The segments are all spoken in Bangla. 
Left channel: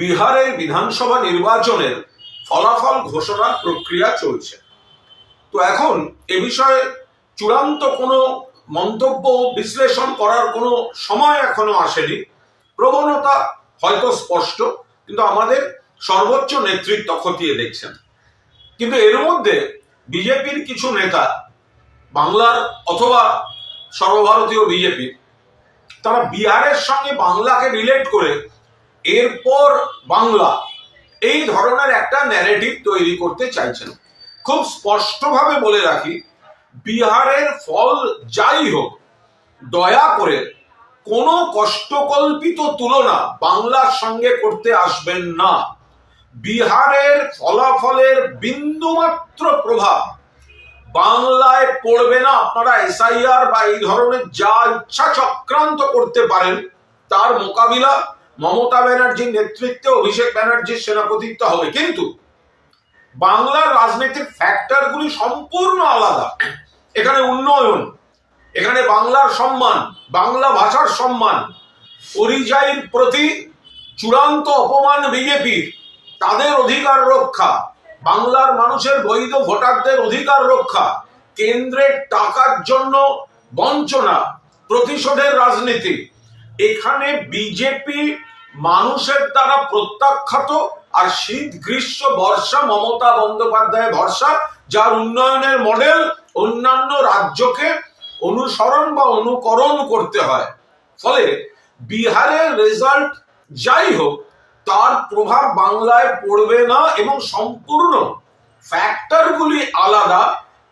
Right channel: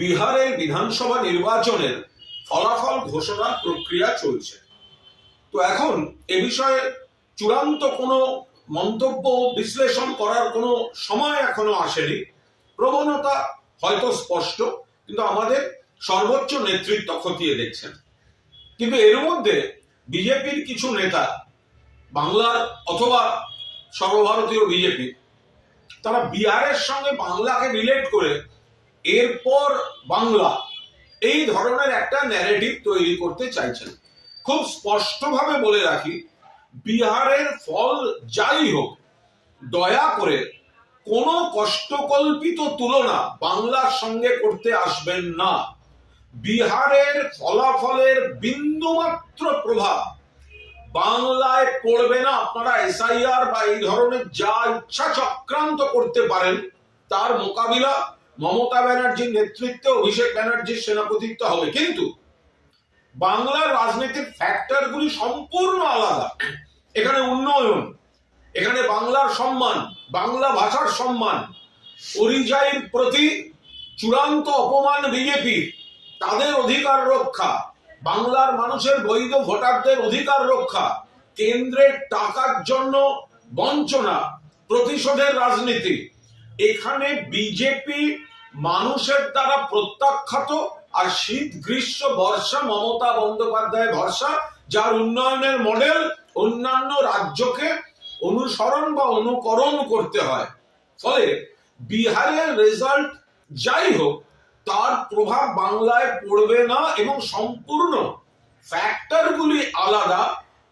বিহারে বিধানসভা নির্বাচনের ফলাফল ঘোষণার প্রক্রিয়া চলছে। তো এখন এ বিষয়ে চূড়ান্ত কোনো মন্তব্য বিশ্লেষণ করার কোনো সময় এখনো আসেনি। প্রবণতা হয়তো স্পষ্ট, কিন্তু আমাদের সর্বোচ্চ নেতৃত্ব খতিয়ে দেখছেন। কিন্তু এর মধ্যে বিজেপির কিছু নেতা, বাংলার অথবা সর্বভারতীয় বিজেপি, তারা বিহারের সঙ্গে বাংলাকে রিলেট করে এরপর বাংলা এই ধরনের একটা ন্যারেটিভ তৈরি করতে চাইছেন। খুব স্পষ্টভাবে বলে রাখি, বিহারের ফল যাই হোক, দয়া করে কোনো কষ্টকল্পিত তুলনা বাংলার সঙ্গে করতে আসবেন না। বিহারের ফলাফলের বিন্দুমাত্র প্রভাব বাংলায় পড়বে না। আপনারা এসআইআর বা এই ধরনের যা ইচ্ছা চক্রান্ত করতে পারেন, তার মোকাবিলা মমতা ব্যানার্জির নেতৃত্বে অভিষেক ব্যানার্জির সেনাপতিত্ব হবে। কিন্তু বাংলার রাজনীতির ফ্যাক্টরগুলি সম্পূর্ণ আলাদা। এখানে উন্নয়ন, এখানে বাংলার সম্মান, বাংলা ভাষার সম্মান, পরিযায়ীর প্রতি চূড়ান্ত অপমান বিজেপির, তাদের অধিকার রক্ষা, বাংলার মানুষের বৈধ ভোটারদের অধিকার রক্ষা, কেন্দ্রের টাকার জন্য বঞ্চনা, প্রতিশোধের রাজনীতি। এখানে বিজেপি মানুষের দ্বারা প্রত্যাখ্যাত, আর শীত গ্রীষ্ম বর্ষা মমতা বন্দ্যোপাধ্যায় ভরসা, যার উন্নয়নের মডেল অন্যান্য রাজ্যকে অনুসরণ বা অনুকরণ করতে হয়। ফলে বিহারের রেজাল্ট যাই হোক, তার প্রভাব বাংলায় পড়বে না এবং সম্পূর্ণ ফ্যাক্টরগুলি আলাদা।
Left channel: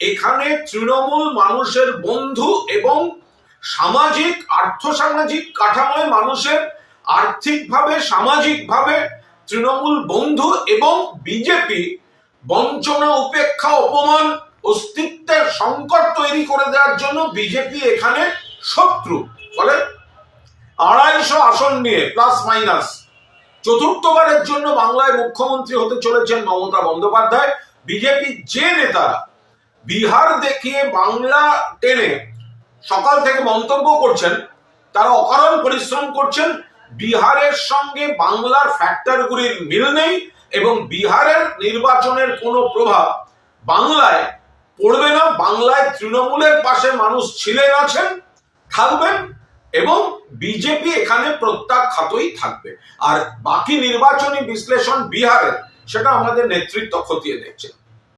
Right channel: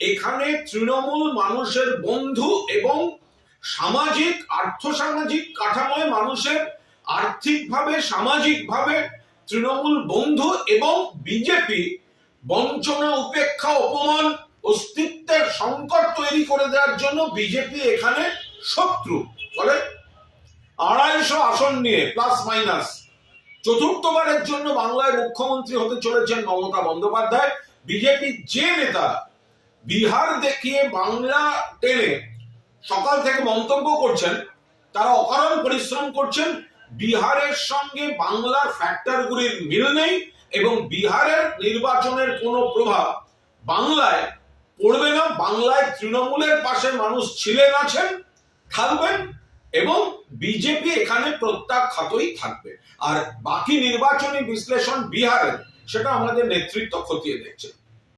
এখানে তৃণমূল মানুষের বন্ধু এবং সামাজিক আর্থসামাজিক কাঠামোয় মানুষের আর্থিকভাবে সামাজিকভাবে তৃণমূল বন্ধু, এবং বিজেপি বঞ্চনা, উপেক্ষা, অপমান, অস্তিত্বের সংকট তৈরি করে দেওয়ার জন্য বিজেপি এখানে শত্রু। ফলে 250 আসন নিয়ে প্লাস মাইনাস চতুর্থবারের জন্য বাংলায় মুখ্যমন্ত্রী হতে চলেছেন মমতা বন্দ্যোপাধ্যায়। বিজেপি যে নেতারা বিহার দেখিয়ে বাংলা টেনে সকাল থেকে মন্তব্য করছেন, তারা অকারণ পরিশ্রম করছেন। বিহারের সঙ্গে বাংলার ফ্যাক্টরগুলির মিল নেই এবং বিহারের নির্বাচনের কোনো প্রভাব বাংলায় পড়বে না। বাংলায় তৃণমূলের পাশে মানুষ ছিলেন, আছেন, থাকবেন এবং বিজেপি এখানে প্রত্যাখ্যাতই থাকবে। আর বাকি নির্বাচনী বিশ্লেষণ বিহারের, সেটা আমাদের নেতৃত্ব খতিয়ে দেখছে।